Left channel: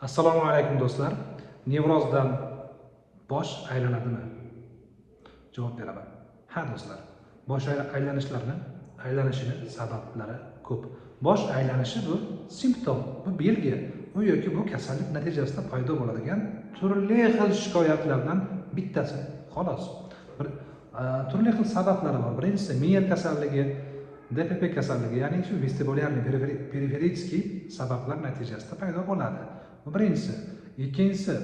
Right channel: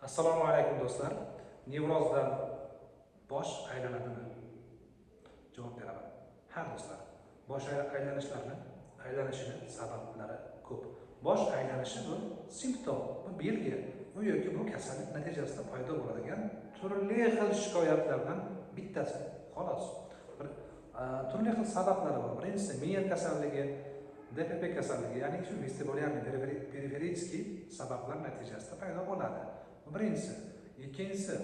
Assalomu alaykum do'stlar. Nevrozdan bosh aylanadimi? Javob beraman. Ha do'stlar. Bosh aylanishini sabablari ko'p. Bosh aylanishi bu simptom, bu belgi, bu yoki bu kasallik natijasida paydo bo'ladigan turli xil shikoyatlardan bittasi. Xolos. Turli xil sabablari bor. Birinchisi miya kasalligi, DPP kasalligi, ya'ni shu vestibulyarniy periferический sabablar natijasida paydo bo'ladi. Bu birinchisi. Ikkinchisi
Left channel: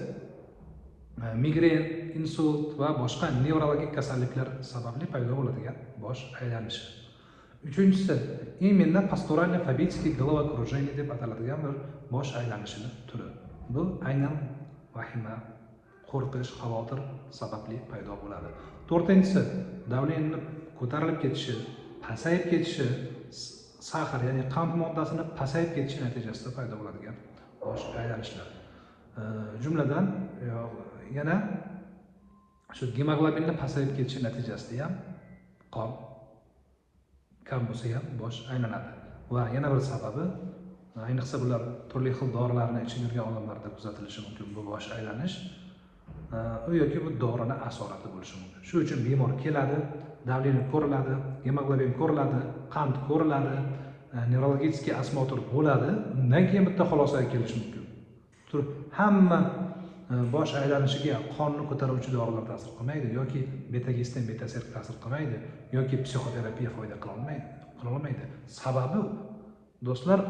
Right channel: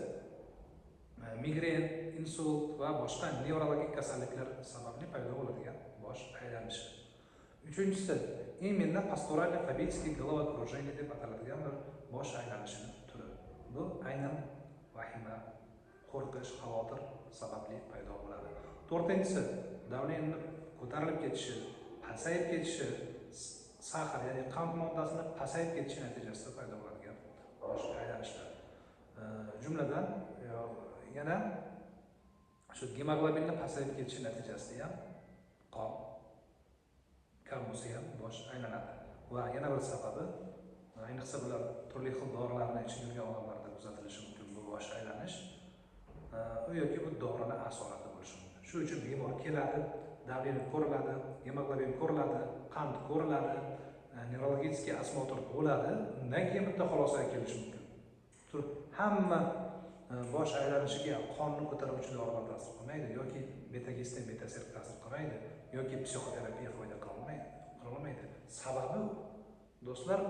migren, insult va boshqa nevrologik kasalliklar sababli paydo bo'ladigan bosh aylanishi. Uchinchisi именно pastorально-фобический головокружение deb ataladigan bir bosh aylanishining turi. Bu aynan vahima, qo'rqish, xavotir sababli paydo bo'ladi. To'rtinchisi davleniyaning ko'tarilib ketishi, pasayib ketishi, sahar ya'ni qand moddasini pasayib ketishi natijasida paydo bo'ladigan bosh aylanishlar. Jumladan yana shu gemoglobinning pasayib ketishi natijasida ham qon kam bo'lsa ham bosh aylanadi. Va yana bir sababi, ayniqsa bular turli xil dorilarni ichib yurgan odamlarda kuzatilishi mumkin bu bosh aylanish. U yoki bu dorining asorati bo'lishi mumkin. Shu uchun bemor keladi, davleniya ko'riladi, gemoglobin ko'riladi, qand ko'riladi, nevrologический осмотр bo'ladi. Undan keyin bitta xulosaga kelish mumkin. Hamma bosh aylanishiga qonni ko'taruvchi dorilar ta'sir qilmaydi yoki beta-gestin, beta-serk ta'sir qilmaydi yoki psixoterapiya foyda qila olmaydi. Sababi do'stlar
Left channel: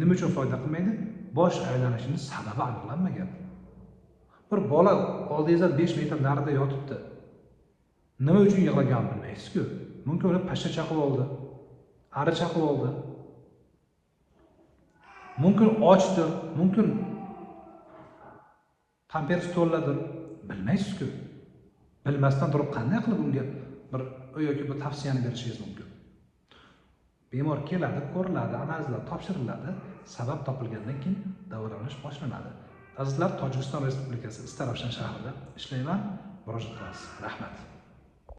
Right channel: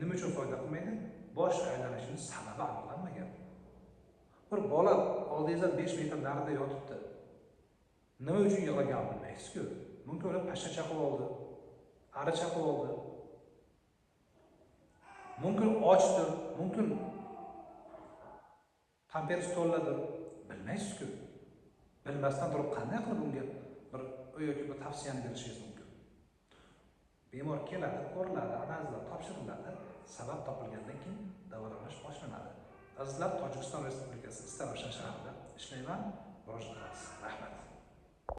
nima uchun foyda qilmaydi? Bosh aylanishining sababi aniqlanmagan. Bir bola oldingizda 5 metr narida yotibdi. Nima uchun yig'laganini bilmaysiz-ku. Mumkin uni pashsha chaqib oldi, ari chaqib oldi. Mumkin ochdir, mumkin pampers to'lladir, bilmaysiz-ku. Bilmasdan turib qanday qilib unga bir yoki bu tavsiyani berishingiz mumkin. Bemor keladi, ko'riladi, analizlar topshiriladi, sabab topilgandan keyin davolanish boshlanadi. Azizlar, Tojikiston Respublikasi Istaravshan shahrida ishlayman, murojaat qilasiz. Rahmat.